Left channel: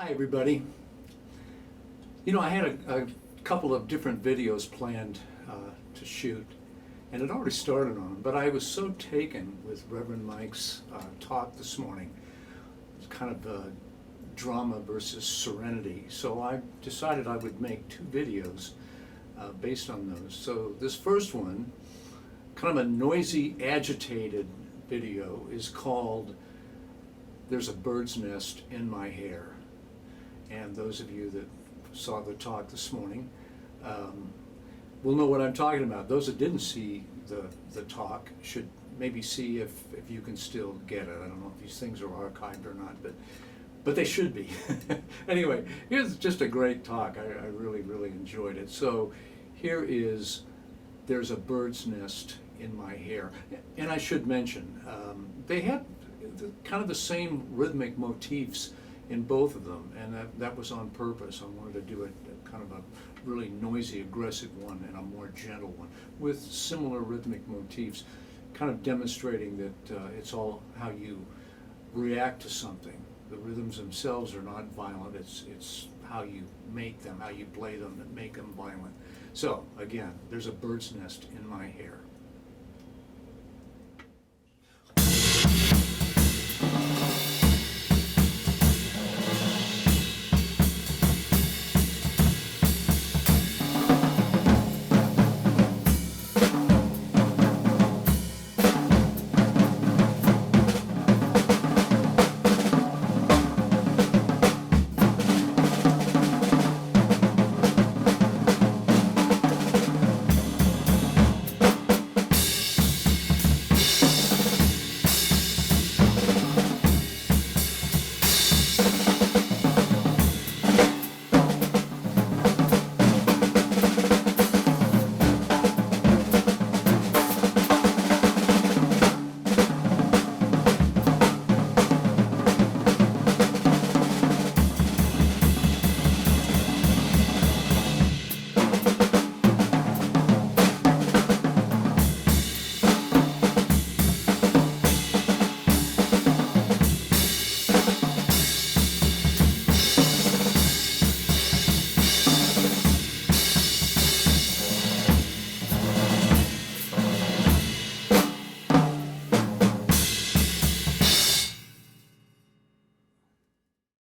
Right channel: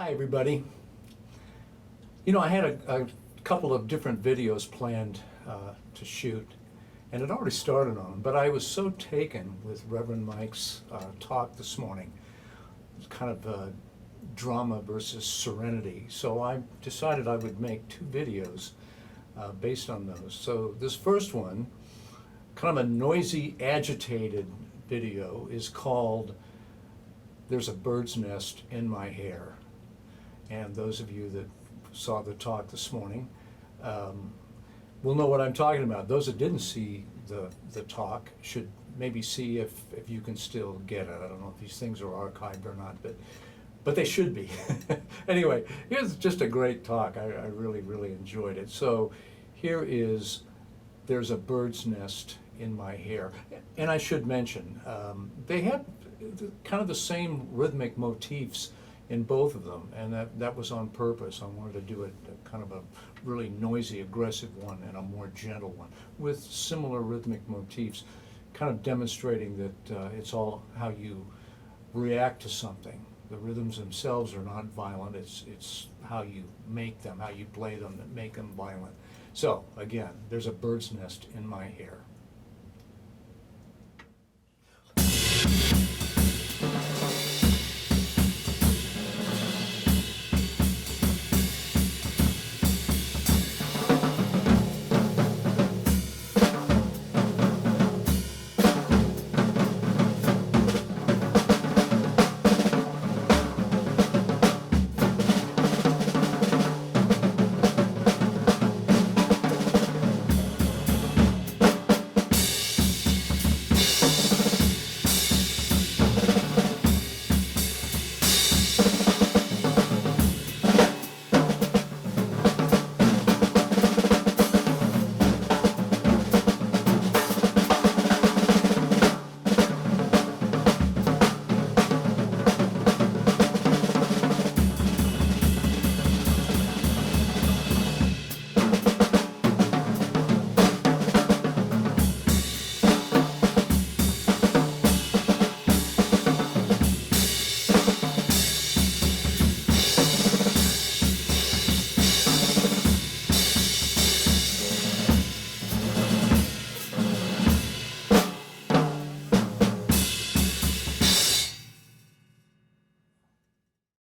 Hi, everybody. I had a couple of different videos planned to shoot, and had already started on them, but I was so taken with Reverend Mike's talk this morning. It's kind of drama versus serenity. So I decided I would make two videos based on those. So this first one, kind of a noisy, agitated video, is called "There's a Bird's Nest in My Hair." And those of you that saw the talk this morning will know what I'm talking about. Those that didn't see the talk should maybe see if you can still get it. I don't know if these things are archived or not, but they should be. Anyway, here's just a great talk. I really, really enjoyed it. So here is "There's a Bird's Nest in My Hair." And I should mention, they have kind of the same rhythmic motifs in both of them, and that was on purpose. I wanted to do a kind of a really noisy, aggressive one and a more gentle one with similar rhythmic motifs, kind of demonstrating that it's all how you react to something. The rhythms themselves are not violent, it's how you make them, how you play them that make them violent. So again, there's a bird's nest in my hair.